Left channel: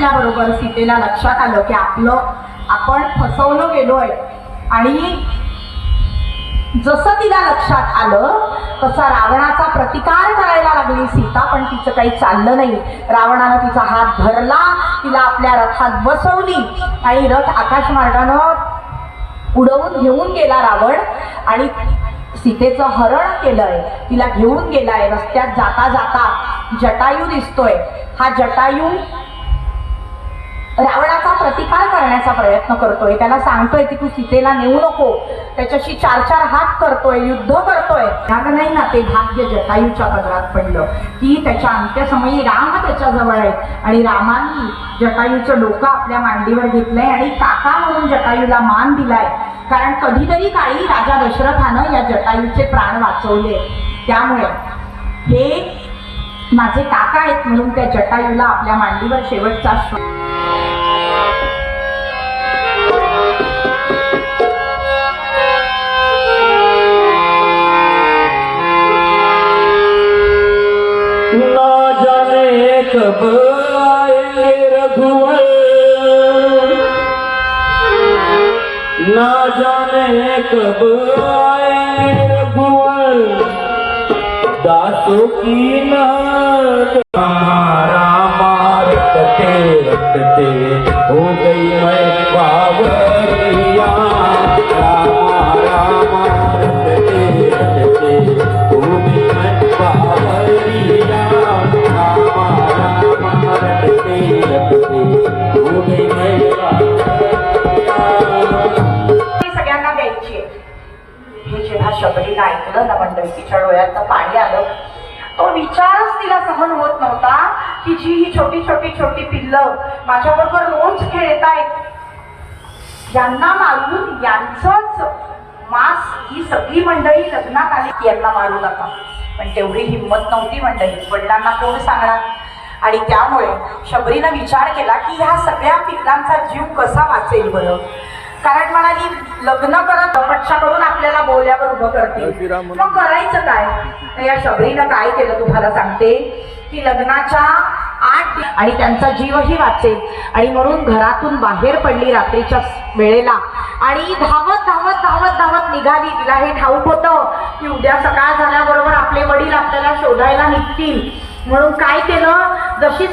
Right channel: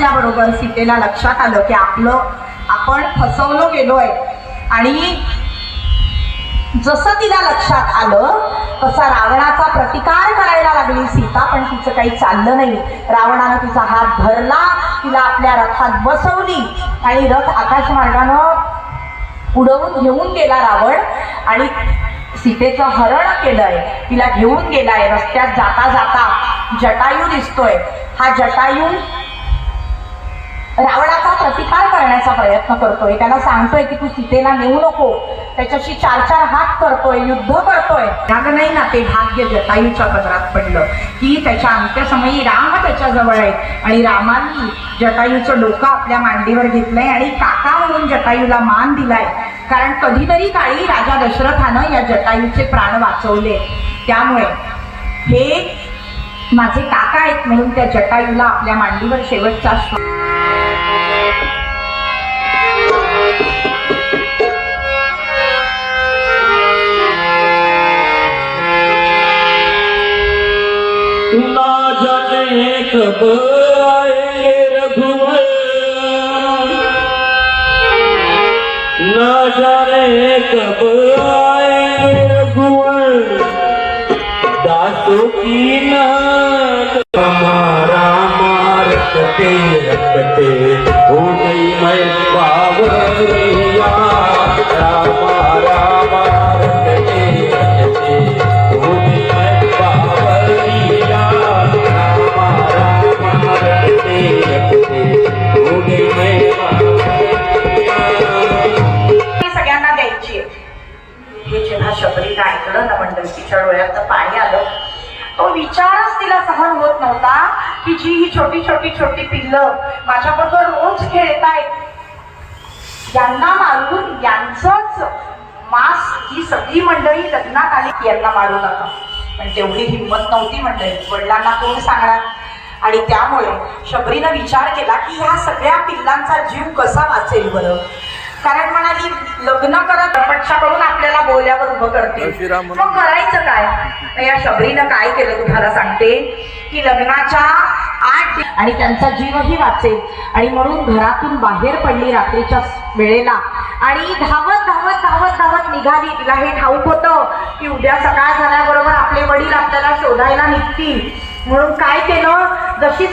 असल्याबरोबर सीतेला लक्षात आलं की आपण फसवलो गेलोय. आणि जसं तिला लक्षात आलं तसा रावणाचा प्रतिकार करायला लागली सीता. पण तिचं काही चाललं नाही. रावणानं तिचा हात धरला, तिला आपल्या रथात बसवली आणि रथ आकाशमार्गानं उडवून घेऊन गेला रावण. आणि सीतेचं हरण केलंय, तिला घेऊन गेलाय. रस्त्यात जाता जाता जटायू दिसतोय. हा जटायू रावणाचा प्रतिकार करण्याचा प्रयत्न करतोय. त्याला सांगतोय की तू सीतेला नेऊ नको. त्याच्याशी 4-4 हात करतोय, युद्ध करतोय. भाग नाही ना, ते भाग्य जटायूच्या पदरात पडलं की त्याच्या अंत्यसमयी राम त्याच्याजवळ आहेत आणि रामांनी जटायूचं डोकं आपल्या मांडीवर घेतलंय आणि काका म्हणून जटायूला मान दिलाय. कारण कधीतरी काळी राजा दशरथानं या जटायूचे प्राण वाचवले. त्यामुळे हे माझे काका आहेत म्हणून त्या जटायूला आपल्या मांडीवर शेवटचा श्वास. ना जाने कब आएंगे रघुवर, ना जाने कब आएंगे रघुवर, दासों की नाद हमारा मार रखते हो गई मैं बावरिया, रामा रामा रखते हो गई मैं बावरिया, रामा रामा रखते हो गई मैं सगळ्यांना द्यायची. हे जेव्हा शबरीला ऐकलं ना मंडळी, तिच्या डोळ्यात पाणी आलं. तो विचारच तिला सहन होत नव्हता की जी ही छोटी छोटी छोटी पिल्लं माझ्याबरोबर रोज खेळतायत, यांना मारून यांचंच मांस ही सगळी मंडळी लग्नात आली की यांना मारू नका. पण तेवढी हिंमत नव्हती मंडळी, वडिलांना कोण सांगणार. आणि त्यामुळे शबरीनं विचार केला की ह्या सगळ्या पिल्लांचा जीव कसा वाचेल बरं. कारण म्हणाली लग्न करत पक्षाकडून आपल्याला बोल्यावर उभं करते, मग करायचं काय. या शबरीनं काय केलं तुम्हाला सांगते की लग्नाच्या 8 आणि त्यांचा जीवही वाचेल आणि म्हणून घरातून बाहेर पडली रात्रीच्या वेळेला आणि धावत धावत धावत धावत निघाली. तिला हे ठाऊक होतं की उद्या सकाळ झाल्याबरोबर आपले वडील आपल्याला शोधायला निघतील. म्हणून काय केलं, जशी